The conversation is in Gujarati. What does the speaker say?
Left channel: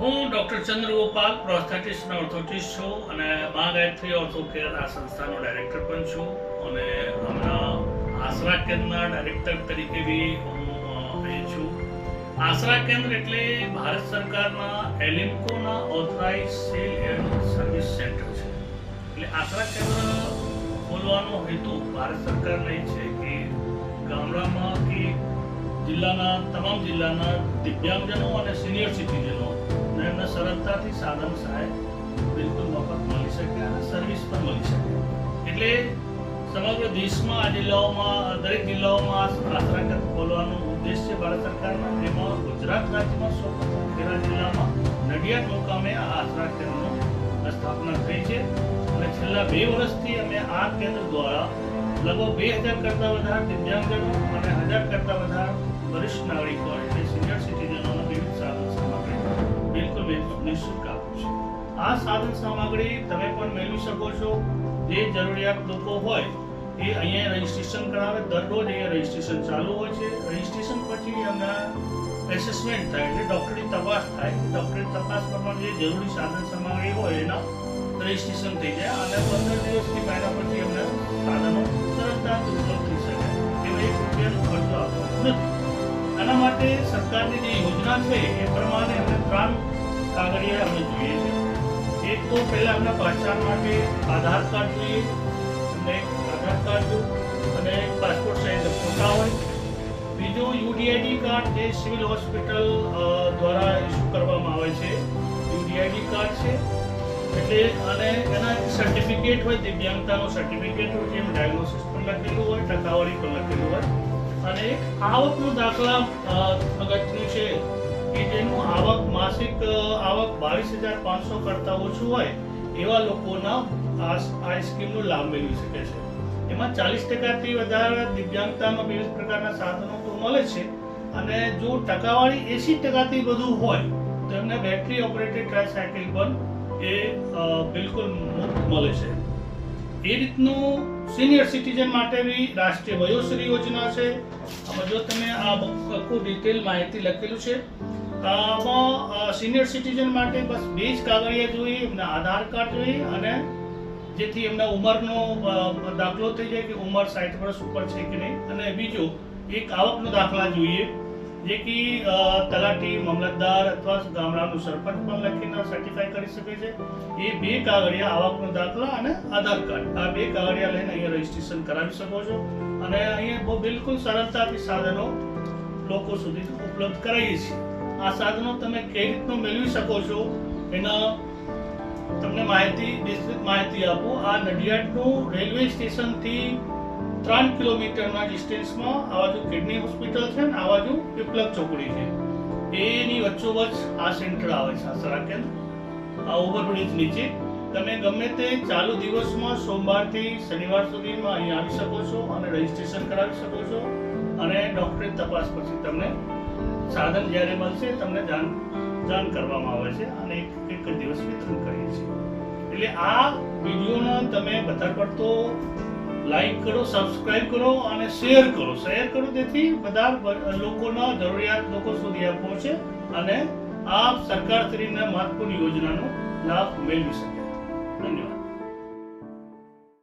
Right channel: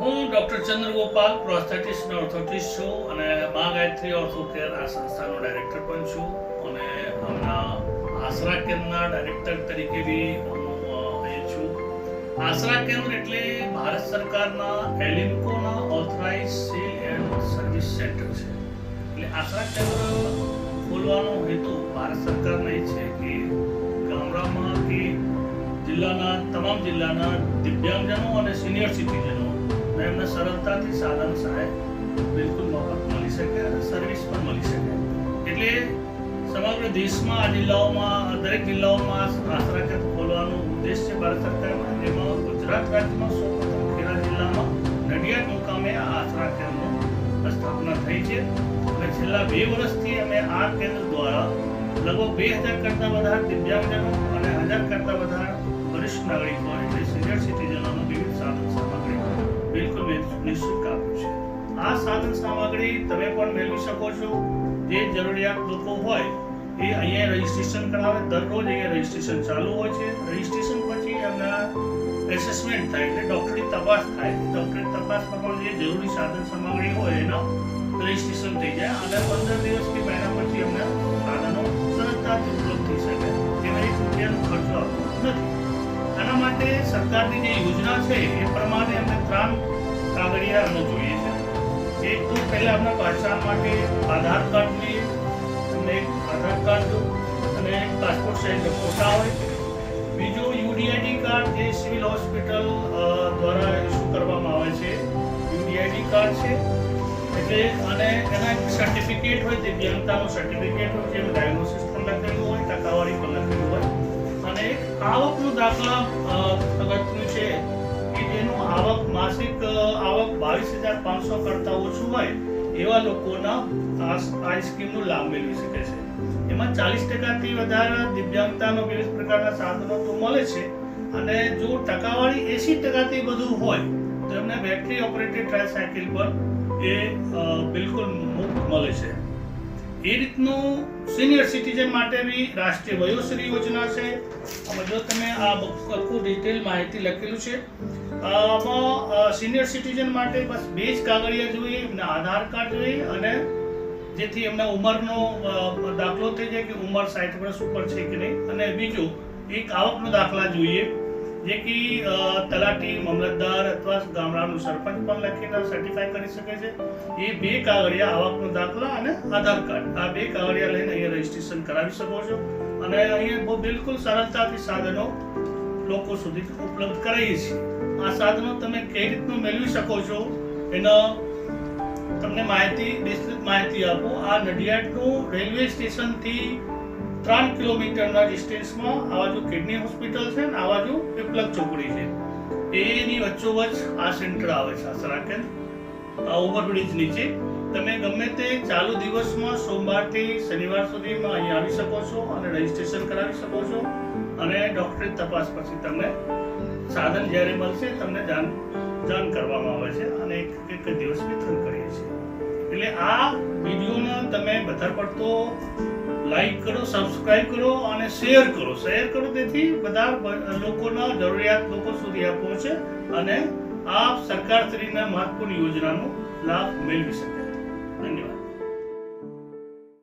હું ડૉક્ટર ચંદ્રગોપાલ પ્રોસ્થેટિસ્ટ ઓર્થોટિસ્ટ છું અને મા ગાયત્રી ઓર્થો કેર આ સંસ્થાનો ડાયરેક્ટર પણ છું અને હમણાં આશરા કેન્દ્રના ડાયરેક્ટર તરીકે બી હું અહીં છું. આશરા કેન્દ્ર એટલે ભારત સરકારના એલિમ્કોના authorise sale and service centre છે. એટલે આશરા કેન્દ્ર ખોલવાનો હેતુ ભારત સરકારનો એ છે કે ગામડામાં કે તમામ જિલ્લાના દિવ્યાંગજનો અને સિનિયર સિટીઝનો એમને સરળતાથી સાધન સહાય બિલકુલ મફત મળી શકે અને સર્વિસ પણ મળી શકે. એટલે સમગ્ર દેશમાં આ જિલ્લાઓમાં દરેક જિલ્લાઓમાં આશરા કેન્દ્ર ખોલવાનો ઉદ્દેશ છે ભારત સરકારના. એમાં ગુજરાત રાજ્યમાં સૌપ્રથમ ખેડા જિલ્લામાં નડિયાદ મુકામે આ આશરા કેન્દ્રની સ્થાપના થઈ છે અને છેલ્લા 2 વર્ષથી અમે આ કેન્દ્ર દ્વારા લગભગ 2000 કરતાં વધારે દિવ્યાંગજનો અને 1000 કરતાં વધારે વરિષ્ઠ નાગરિકો એટલે સિનિયર સિટીઝનોને વિવિધ સાધન સામગ્રી બિલકુલ નિઃશુલ્ક આપું છું. આ સાધન સામગ્રી તમે પણ મેળવી શકો છો. જે જરૂરિયાત લોકો હોય એ અહીંયા રજીસ્ટ્રેશન કરાવે. દરરોજ અહીંયા રજીસ્ટ્રેશન ચાલુ હોય છે. રજીસ્ટ્રેશન પછી એમના એસેસમેન્ટ થાય એટલે ડૉક્ટરી તપાસ થાય. ડૉક્ટરી તપાસ પ્રમાણે જે જરૂરી સાધન સામગ્રી હોય એનો રજીસ્ટ્રેશન થઈ જાય અને 15 દિવસથી મહિના પછી એમને સાધનો સરળતાથી ઉપલબ્ધ થઈ શકે. એમાં ₹1 ખર્ચો આપવો નથી. આના માટે સરકારની જે યોજના છે એ પ્રમાણે અમને 3 કાગળિયા અમને જોઈએ છે. એક તો પહેલાં અમને પહચાન માટે આધાર કાર્ડની અને આધાર કાર્ડ અને પાસપોર્ટ સાઇઝ ફોટા હોય. બીજું UDID કાર્ડ જે સિવિલ હોસ્પિટલ દ્વારા ઇસ્યુ કરવામાં આવે છે. UDID કાર્ડ છે એટલે અને એના સર્ટિફિકેટ હોય, દિવ્યાંગતાનું સર્ટિફિકેટ હોય, જેનું ડાયગ્નોસિસ પણ લખેલું હોય, ટકાવારી પણ લખેલું હોય અને એક આવકનું દાખલા અગત્યનું છે કે જેનું આવક માસિક આવક 22,500 કરતાં ઓછું હોય એવા લોકોના આ સ્કીમનો લાભ મેળવી શકે છે. એમાં 40%થી વધારે દિવ્યાંગતાનો વિવિધ પ્રકારના સાધનો તો મળે છે અને જો ટકાવારી 80%થી વધુ હોય તો એમને બેટરી ઓપરેટેડ ટ્રાયસાયકલ પણ એ બિલકુલ મુફ્ત મળે છે. એ રીતનું સિનિયર સિટીઝન માટે બી રાષ્ટ્રીય વયોશ્રી યોજના છે. આમાં જો તમે આ આખું ડિટેલ માહિતી લખેલું છે. આમાં સિનિયર સિટીઝન માટે બસ 2 જ કાગળિયા જોઈએ. એમના આધાર કાર્ડ જોઈએ અને જેથી એમના ઉંમરનો દાખલો થઈ જાય કે ઉંમર 60 વર્ષ ઉપર છે કે નહીં. અને બીજું એક આવકનો દાખલા જોઈએ જે કે તલાટી, મામલતદાર અથવા ગામડાનું સરપંચ પણ લખીને સર્ટિફાઈ કરી શકે છે. એ 2 કાગળિયા આવકનો દાખલા અને આધાર કાર્ડ આ 2 કાગળિયા લઈને અહીંયા રજીસ્ટ્રેશન કરાવી શકો છો અને અહીંયા બિલકુલ સરળતાથી સાધનો લોકો સુધી ઉપલબ્ધ કરાવીએ છીએ. આ સાધનો તમે કઈ રીતનું મેળવી શકો છો એના તમને વિસ્તૃત માહિતી આપો. આ નડિયાદનું રેલવે સ્ટેશનથી 3 કિલોમીટરના ડિસ્ટન્સમાં આ બાજુ કિડની હોસ્પિટલ છે ને આ બાજુ પીપલક ચોકડી છે. એની વચ્ચોવચ્ચ આ સેન્ટર આવે છે આશરા કેન્દ્ર. આ ઓવરબ્રિજ નીચે તમે ગમે તે ચાલુ દિવસમાં સોમવારથી શનિવાર સુધીમાં અહીં આવી શકો છો અને રજીસ્ટ્રેશન કરાવી શકો છો અને ડૉક્ટરી તપાસ પછી તમને સાધન જ્યારે મળશે તમને જાણ કરવામાં આવે છે અને એક દિવસ વિતરણ કરીએ છીએ. એટલે આ વિડીયોને તમે વધારે પડતો લાઈક કરો, સબસ્ક્રાઇબ કરો અને શેર કરો. તેથી બધા લોકોના જરૂરિયાત લોકો સુધી આ પહોંચે અને આ સરકારશ્રીના મહત્વપૂર્ણ યોજનાનો લાભ મેળવી શકે. ધન્યવાદ.